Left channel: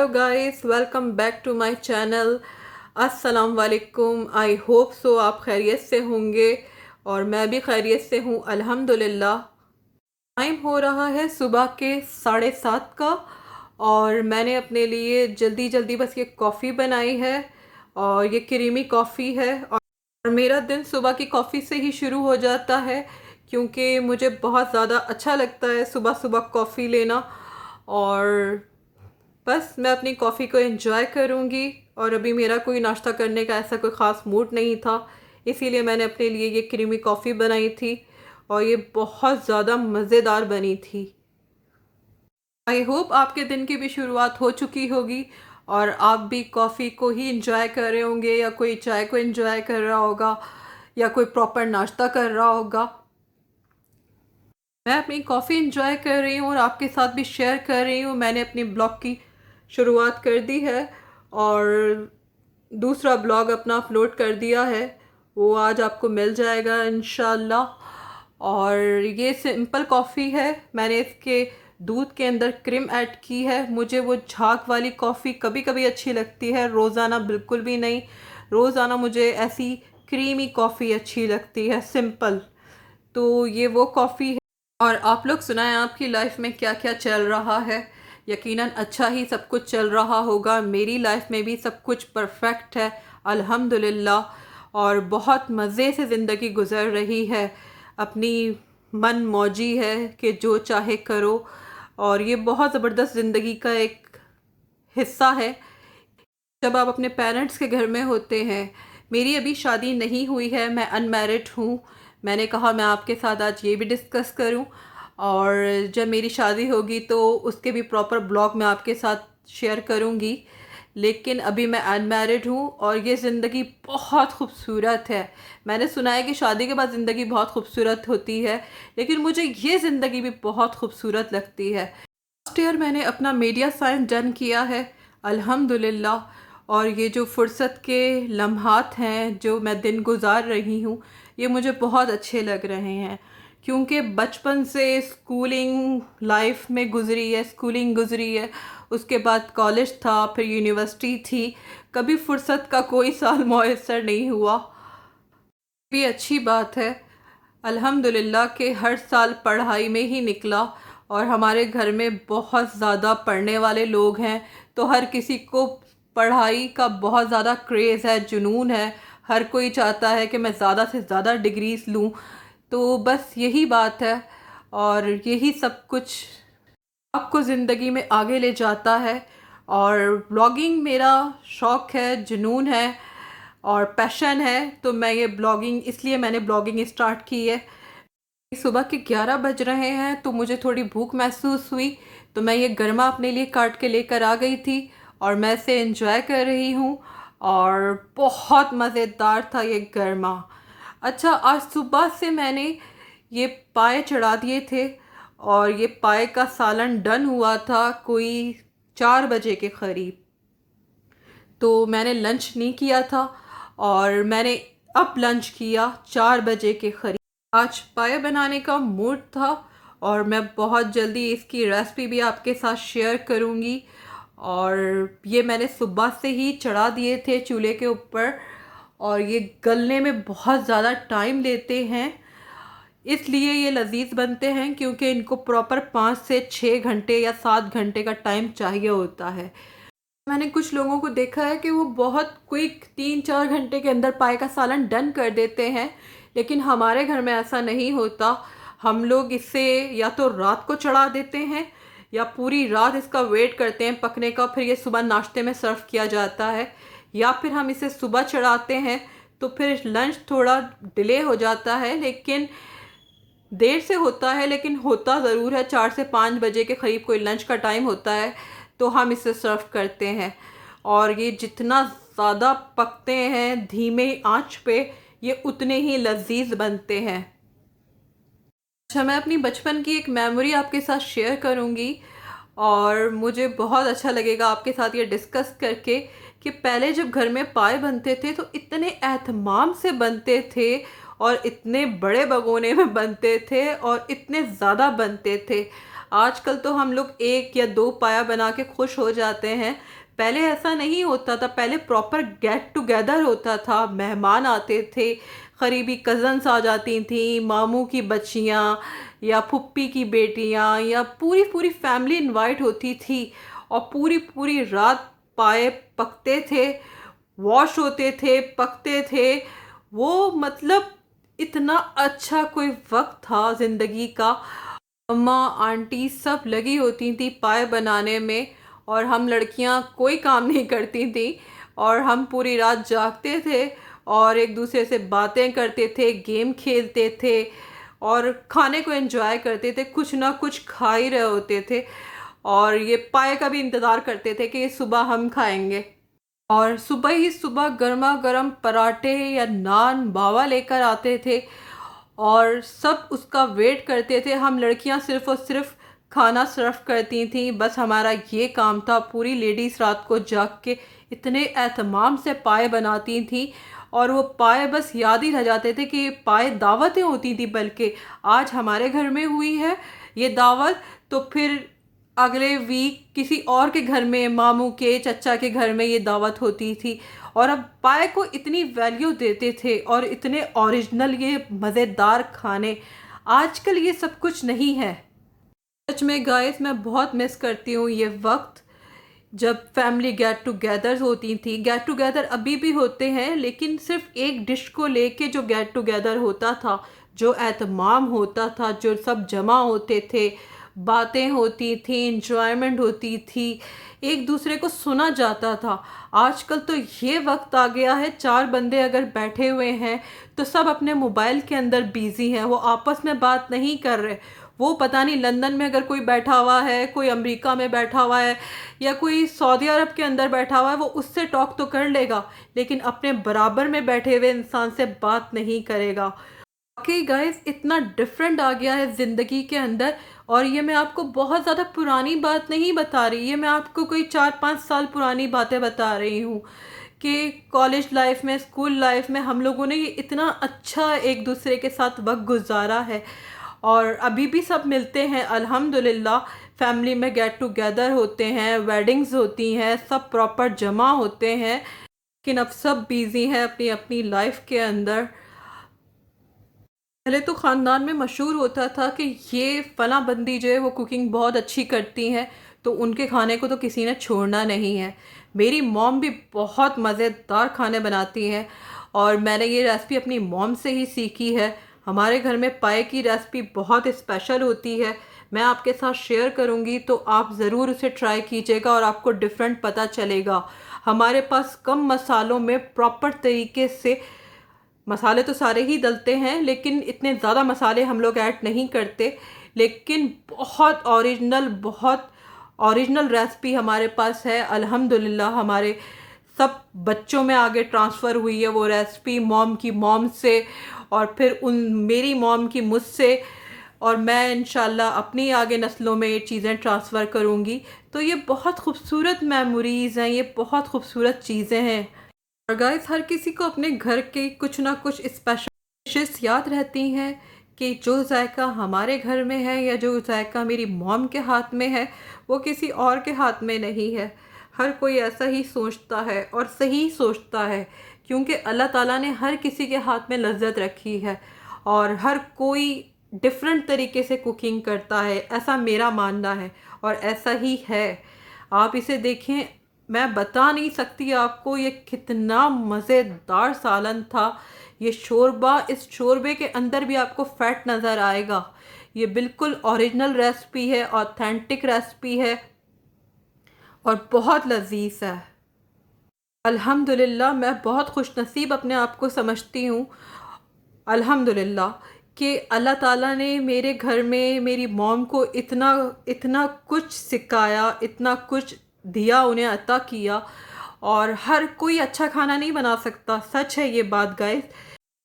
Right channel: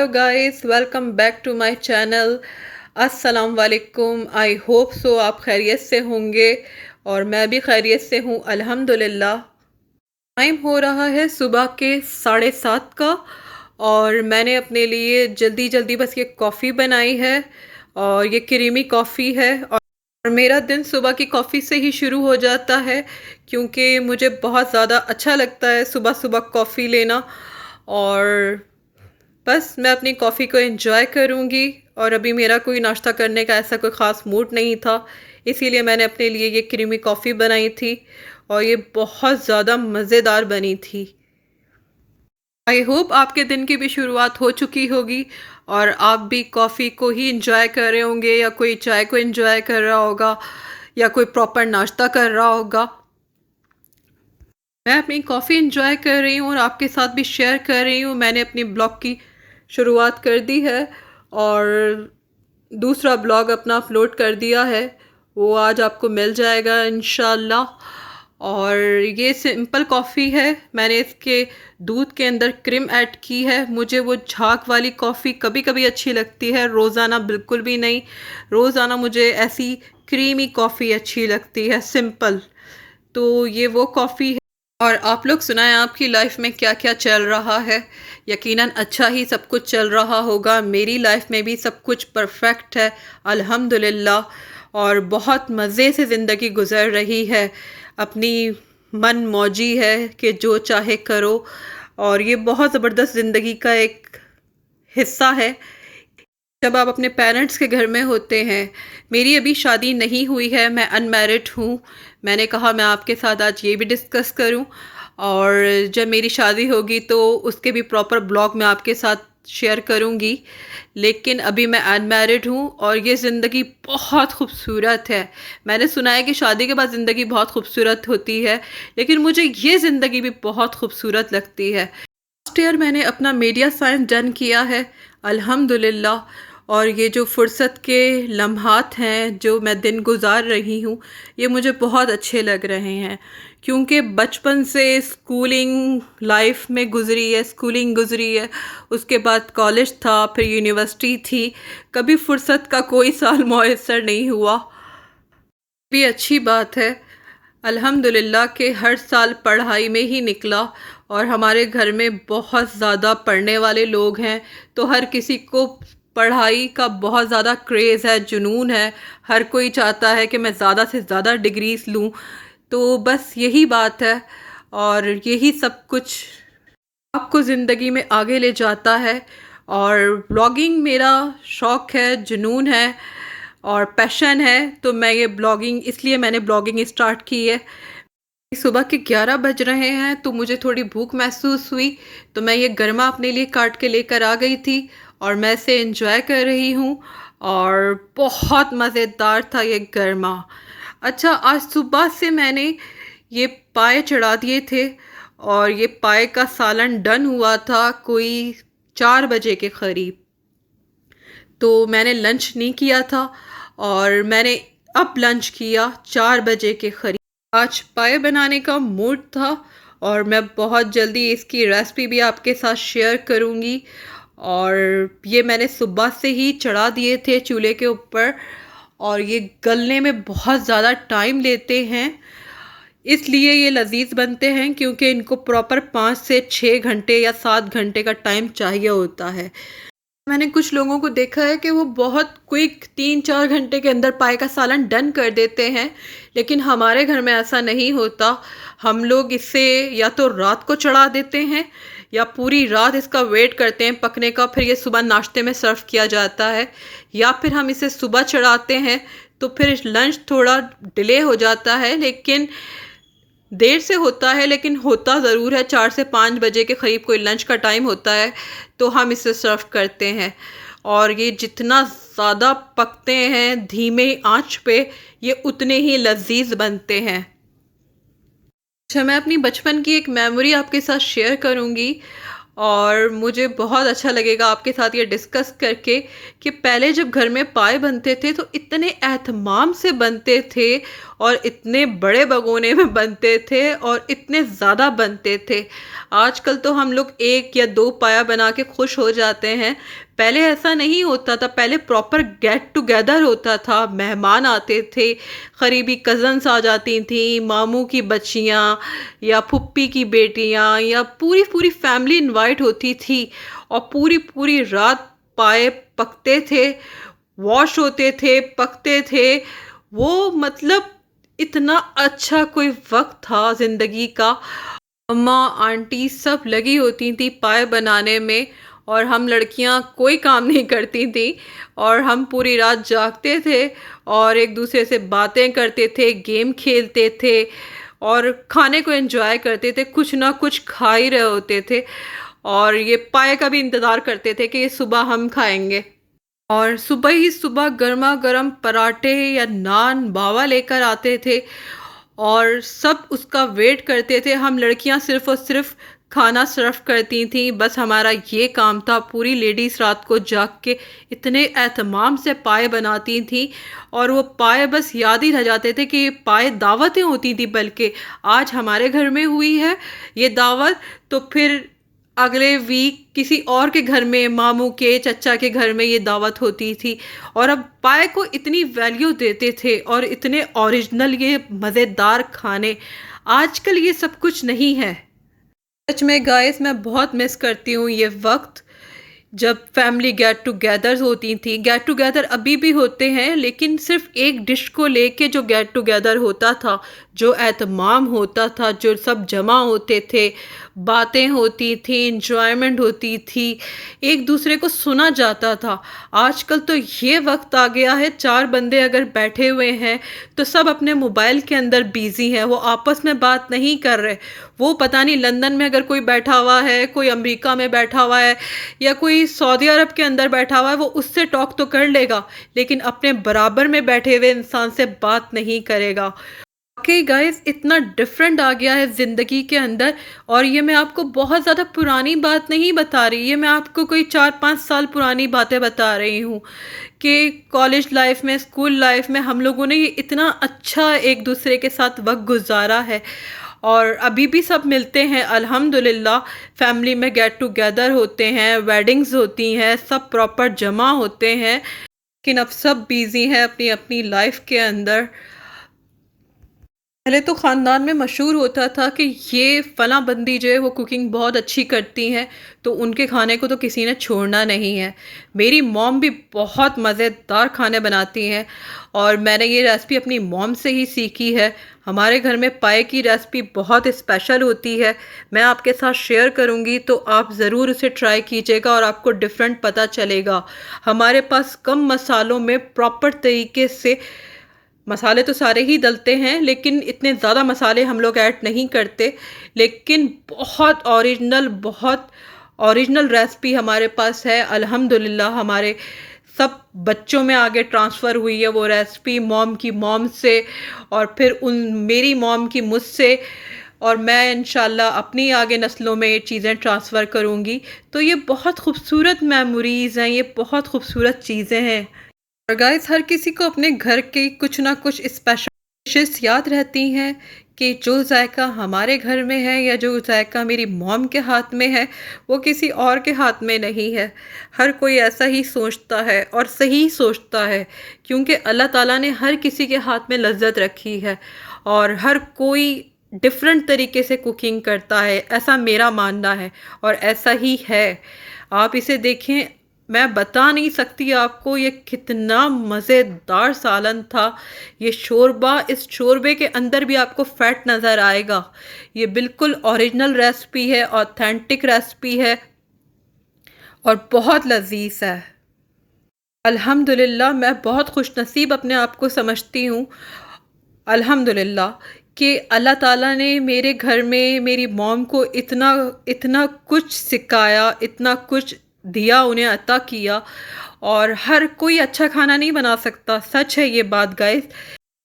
Hello guys, welcome back to my channel. अस्सलाम वालेकुम। I hope so आप खैरियत से होंगे और मैं भी खैरियत से हूँ अल्हम्दुलिल्लाह। टाइम हो रहा है सुबह के 7:30 का और मैंने अपने लिए जल्दी जल्दी बस ये कॉफ़ी बनाई है और ये क्रीमी कॉफ़ी है। और मेरा दिन सुबह की कॉफ़ी से ही शुरू हो जाता है क्योंकि मुझे बहुत ज़्यादा अच्छा लगता है सुबह सुबह कॉफ़ी लेना। और बस मैं अपनी कॉफ़ी को एंजॉय करूँगी। और अभी मेरा कोई नाश्ता करने का ऐसा कोई ख़ास मूड नहीं था, इसीलिए मैंने अपने लिए ये क्रीमी कॉफ़ी बनाई थी और ये बहुत ज़्यादा मज़ेदार बनी थी। आई होप आपके दिन की भी शुरुआत हो चुकी होगी और आप भी कॉफ़ी को ही इंजॉय कर रहे होंगे या कोई चाय को इंजॉय कर रहा होगा या कोई प्रॉपर नाश्ता कर रहा होगा। मैं अपनी कॉफ़ी इंजॉय कर रही हूँ और आपके साथ भी शेयर कर रही हूँ। मैंने अपनी ब्लॉग की शुरुआत कर दी है और दूसरा ब्लॉग अपना अपलोड कर दिया है, वो आज आपको मिल जाएगा इंशाल्लाह। और ये सिंपल कॉफ़ी है, मैंने इसके दूध के अंदर क्रीम ऐड की है। मुझे वो झाग वाली कॉफ़ी कभी कभी अच्छी लगती है, रोज़ाना बिल्कुल भी नहीं। रोज़ाना मुझे ऐसी क्रीमी कॉफ़ी अच्छी लगती है, सिंपल। तो ये वो कॉफ़ी है। और आप लोग सुनाएं, आपकी लाइफ में क्या क्या चल रहा है। यकीनन अच्छा ही सब कुछ चल रहा होगा। मेरी लाइफ में भी सब कुछ परफेक्ट है अल्हम्दुलिल्लाह और बहुत मज़े से ज़िंदगी गुजर रही है। अपनी मन मौजी है कि जो चाहे करो और ये बहुत ज़बरदस्त ज़िंदगी का एक हिस्सा है जब आप अपने पेरेंट्स के घर में होते हैं। मेरी अभी शादी नहीं हुई है, मैं अनमैरिड हूँ। मैंने कहा मैं आपके साथ आज ये भी डिस्कस करूँ और जब मेरी शादी होगी तो उसके भी प्रॉपर ब्लॉग मैं आपके साथ शेयर करूँगी। लेकिन अभी मैं अनमैरिड हूँ और ये ज़िंदगी बहुत खूबसूरत है। मैंने सुना है कि शादी के बाद ज़िंदगी बहुत खूबसूरत होती है, लेकिन मुझे ये ज़िंदगी भी बहुत खूबसूरत लगती है। लास्ट ईयर मैंने अपना मीडिया साइंस डन किया है अल्हम्दुलिल्लाह। और ये जो फुर्सत के लम्हात हैं जो मैं दिन गुजार रही हूँ, ये मुझे बहुत अच्छे लग रहे हैं क्योंकि बचपन से स्कूलिंग लाइफ में गुज़री है, स्कूलिंग गुज़री है, उसके बाद कॉलेज था, फिर यूनिवर्सिटी थी। कभी फुर्सत का कोई साल मौयसर नहीं हुआ। भी अच्छी बात है अल्हम्दुलिल्लाह कि हर साल पढ़ाई में ही निकला। और हमारे घर में बहुत ज़्यादा पढ़ने वाले लोग हैं, तो हर किसी को पढ़ाई का बहुत ज़्यादा क्रेज़ है, जुनून है। हर कोई चाहता है कि मैं ज़्यादा से ज़्यादा डिग्रीज लूँ। तो बस यही बात है और यही सब कुछ आपको ज़िंदगी में आगे ले जाता है। और ब्लॉगिंग मेरा शौक़ है, जुनून है और पैशन है। तो मैं ये ब्लॉगिंग, इसलिए मैंने ब्लॉगिंग स्टार्ट की है। सुबह के 11 बज रहे हैं तो मुझे थोड़ी भूख महसूस हुई, तो मैं ये गरमा अपने लिए काट के लेकर आ गई थी और मैं इसे एंजॉय कर रही हूँ और बहुत मज़ेदार था ये गरमा। अच्छा, आज सुबह से मैंने ये पाए चढ़ा दिए थे और ये पाए का सालन डन हुआ था कोई 4 बजे के करीब। तो मैंने लंच नहीं किया था और मैंने अब लंच किया 4 बजे के करीब। आज पाए बनाने का मूड था और मैं बहुत जल्दी इसकी रेसिपी भी आपके साथ शेयर करूंगी। और ये मैंने सुबह से ही चढ़ा दिए थे चूल्हे के ऊपर और ये गलने में बहुत ज़्यादा टाइम लेते हैं, इसलिए ये लजीज बनते हैं क्योंकि इनको प्रॉपर 5 से 6 घंटे या 7 घंटे का टाइम चाहिए होता है। मैंने कुछ लोगों को देखा है कि वो बहुत क्विक 3-4 घंटे के अंदर पाए का सालन डन कर देते हैं, लेकिन हमारे घर में ऐसा नहीं होता। हम लोग इसे या तो रात को चढ़ा देते हैं या पूरी रात इसका वेट करते हैं पकने का, फिर ये सुबह नाश्ते में सर्व किया जाता है। या फिर हम इसे सुबह चढ़ाते हैं तो फिर लंच थोड़ा डिले हो जाता है, लेकिन देर से होता है, लेकिन होता ज़रूर है। 4 से 5 बजे के करीब कोई लंच का टाइम होता है तो हम इसे सर्व करते हैं। और ये जितना ज़्यादा पकते हैं धीमे आंच पे, ये उतने ही लजीज बनते हैं। अच्छा, मैं अपनी बचपन की एक मेमोरी आपके साथ शेयर करूंगी और मुझे बहुत अच्छा लगेगा आपके साथ ये डिस्कस करके कि पहले जब घर में पाए बनते थे तो इतने एहतमाम से बनते थे और इतने बड़े भगोने में बनते थे और इतने ज़्यादा बनते थे। आजकल तो हम लोग एक या दो पाया बना के खुश हो जाते हैं। पहले ऐसा नहीं होता था, पहले प्रॉपर गेट टुगेदर होता था, मेहमान आते थे, करीबी कज़न्स आ जाती थी, मामू की बच्चियाँ या फुप्पी की बेटियाँ या पूरी पूरी फैमिली इनवाइट होती थी और पूरी पूरी रात पाए पकते थे, वॉश होते थे, पकते थे। वो मतलब इतना अच्छा कोई वक्त था ज़िंदगी का। अम्मा आंटी सब लगी होती थी पाए बनाने में और हम लड़कियां कोई काम नहीं करती थी और हम पूरी रात जागते थे और एक दूसरे से बातें करते थे, गेम खेलते थे और खाने को एंजॉय करते थे, कुछ ना कुछ खा ही रहे होते थे और ये पाए का भी इंतज़ार करते थे कि सुबह हम खाएंगे। और सुबह ही सुबह गर्मा गर्म पराठे या नान बाबा लेकर आते थे और सब उसका वेट करते थे। हम लड़कियां सिर्फ और सिर्फ खाना सर्व करती थीं, बस हमारा ये काम था। पूरी लेडीज़ रात को जाग के इतने एहतमाम से पाए बनाती थीं और वो पाए बस याद ही रह जाते थे कि ये पाए दावतें होती थी, बल्कि आज हमारे घर में हुई है ये दावत तो फिर अगले वीक किसी और के घर में, मामू के, चचा के घर में ये दावत होती थी। और अब पाए को इतनी वैल्यू देते थे और इतने ओरिजिनल ये मज़ेदार खाने। आजकल ये सब कुछ नहीं है। सच में गाइस मैं बहुत मिस करती हूँ ये वक्त जब फैमिली गेट टुगेदर होती थी। गेट टुगेदर अभी भी होते हैं, लेकिन सिर्फ एक डिश को लेके जो गेट टुगेदर होता था, जो एहतमाम होता था, जो सब जमा होते थे, बातें होती थी, इंजॉयमेंट होती थी, एक दूसरे को सुना जाता था। आजकल तो ये वक्त आ गया है, चार बंदे अगर बैठे हुए हैं तो सब अपने मोबाइल के अंदर बिजी हैं, वो आपस में बात नहीं कर रहे। वो पता नहीं लंदन में अगर कोई बैठा हुआ है, कोई अमेरिका में बैठा हुआ है या कोई सऊदी अरब के अंदर बैठा हुआ है, वो उससे टॉक तो कर लेगा, लेकिन अपने बराबर में बैठे हुए इंसान से बात नहीं करेगा। वाकई गाइस इतना डिफरेंट आ गया है ज़िंदगी के अंदर। और ये मैं आपको बहुत ज़्यादा पुरानी बात नहीं बता रही, ये मैं आपको कोई 4-5 साल पुरानी बातें बता रही हूँ कि कॉलेज लाइफ में, स्कूल लाइफ में हम लोगों ने ये इतना अच्छा एक दूसरे के साथ वक्त गुजारा है और अभी भी सब मिलते हैं अल्हम्दुलिल्लाह। फैमिली में गेट टुगेदर होते हैं, वेडिंग्स होती हैं, सब प्रॉपर जमा होते हैं, लेकिन अब सब बिज़ी हैं अपनी अपनी लाइफ के अंदर। पहले तो ख़ानदान में मशहूर होता था कि ये फ़लाँ बंदी जो है वो कुकिंग बहुत अच्छी करती हैं, तो उनके खाने को तो किसी ने छोड़ना नहीं है। मेरी मॉम भी बहुत मज़ेदार खाने बनाती हैं और मैंने ये रेसिपी अपनी मॉम से ही सीखी है। हमारे घर में पाए की रेसिपी बहुत स्पेशल होती है, मैं आपके साथ शेयर करूँगी तो आप ज़रूर उसे ट्राई कीजिएगा और आपको डिफरेंट पता चलेगा। हमारे पास कम मसालों में प्रॉपर तरीके से, मसाले तो सारे ही डलते हैं लेकिन इतने ज़्यादा मसाले हम लोग ऐड नहीं करते, लेकिन बहुत ओरिजिनल रेसिपी हमारे पास है अल्हम्दुलिल्लाह। हमारे सब बच्चों में आगे ट्रांसफ़र हुई है वो रेसिपी, मॉम की मॉम से और फिर मेरी मॉम की मुझसे, और मैं इंशाल्लाह अपनी आगे नस्लों में ये चीज़ें ट्रांसफ़र करूँगी। तो ये बहुत खूबसूरत मेमोरीज़ हैं, ये बहुत खूबसूरत चीज़ें हैं। और गाइस हर किसी को अपने घर की कुछ ना कुछ स्पेशल डिशेस याद रहती हैं कि जो जायका हमारे घर में है या जो जायका मेरी मॉम के हाथ में है वो किसी और के हाथ में नहीं है। हर कोई ऐसा ही सोचता है और सही सोचता है, क्योंकि अल्लाह ताला ने हर किसी के हाथ में लज्जत रखी है और हर कोई डिफरेंट तरीके से कुकिंग करता है, ऐसा मेरा मानना है और ऐसा ही है। आप इसे देखें, मैं बता नहीं सकती आपको ये कितना मज़ेदार सालन था। ये शोरबा, इस शोरबे के अंदर भी आपको फ़ैट नज़र आएगा। ये बिल्कुल ओरिजिनल रेसिपी है, ऑथेंटिक रेसिपी है और बहुत लजीज है। अल्हम्दुलिल्लाह मैं बहुत खुशनसीब अपने आप को समझती हूँ अल्हम्दुलिल्लाह कि अल्लाह ताला ने मेरे घर में मेरी मॉम को इतना इतना कुछ सिखाया, इतना कुछ दिया, उन्हें अता किया। और हर कोई अच्छा खाना नहीं बना सकता, सच है ये बात गाइस।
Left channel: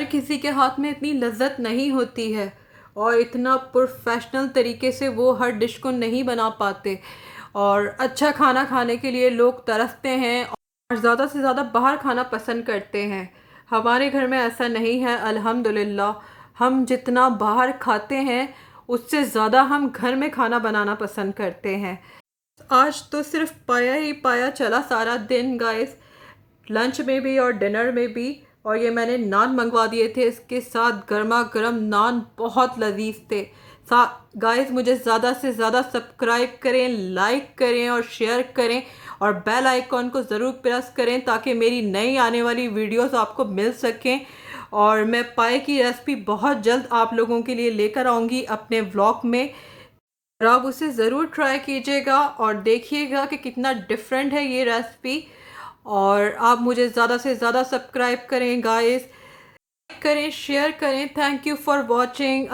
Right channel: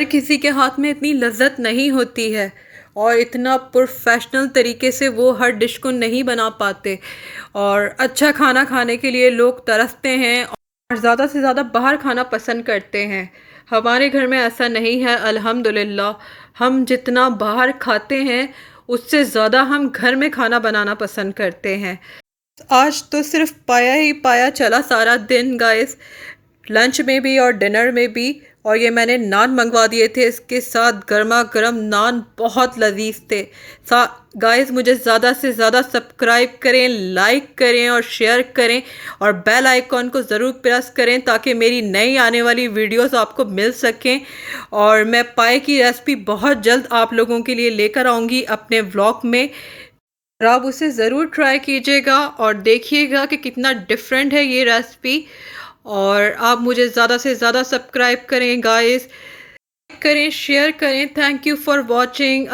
हर किसी के हाथ में इतनी लज्जत नहीं होती है और इतना प्रोफेशनल तरीके से वो हर डिश को नहीं बना पाते और अच्छा खाना खाने के लिए लोग तरसते हैं और ज़्यादा से ज़्यादा बाहर खाना पसंद करते हैं। हमारे घर में ऐसा नहीं है अल्हम्दुलिल्लाह। हम जितना बाहर खाते हैं उससे ज़्यादा हम घर में खाना बनाना पसंद करते हैं। आज तो सिर्फ पाया ही पाया चला सारा दिन गाइस, लंच में भी और डिनर में भी। और ये मैंने नान मंगवा दिए थे, इसके साथ गर्मा गर्म नान बहुत लजीज थे। गाइस मुझे ज़्यादा से ज़्यादा सब्सक्राइब करें, लाइक करें और शेयर करें और बेल आइकॉन को ज़रूर प्रेस करें ताकि मेरी नई आने वाली वीडियोस आपको मिल सकें। और मैं पाए की रेसिपी बहुत जल्द आप लोगों के लिए लेकर आऊँगी अपने व्लॉग में। और आप उसे ज़रूर ट्राई कीजिएगा और देखिएगा कि कितना डिफरेंट है ये रेसिपी। और आप मुझे ज़्यादा से ज़्यादा सब्सक्राइब करें गाइस, करें, शेयर करें। Thank you for watching.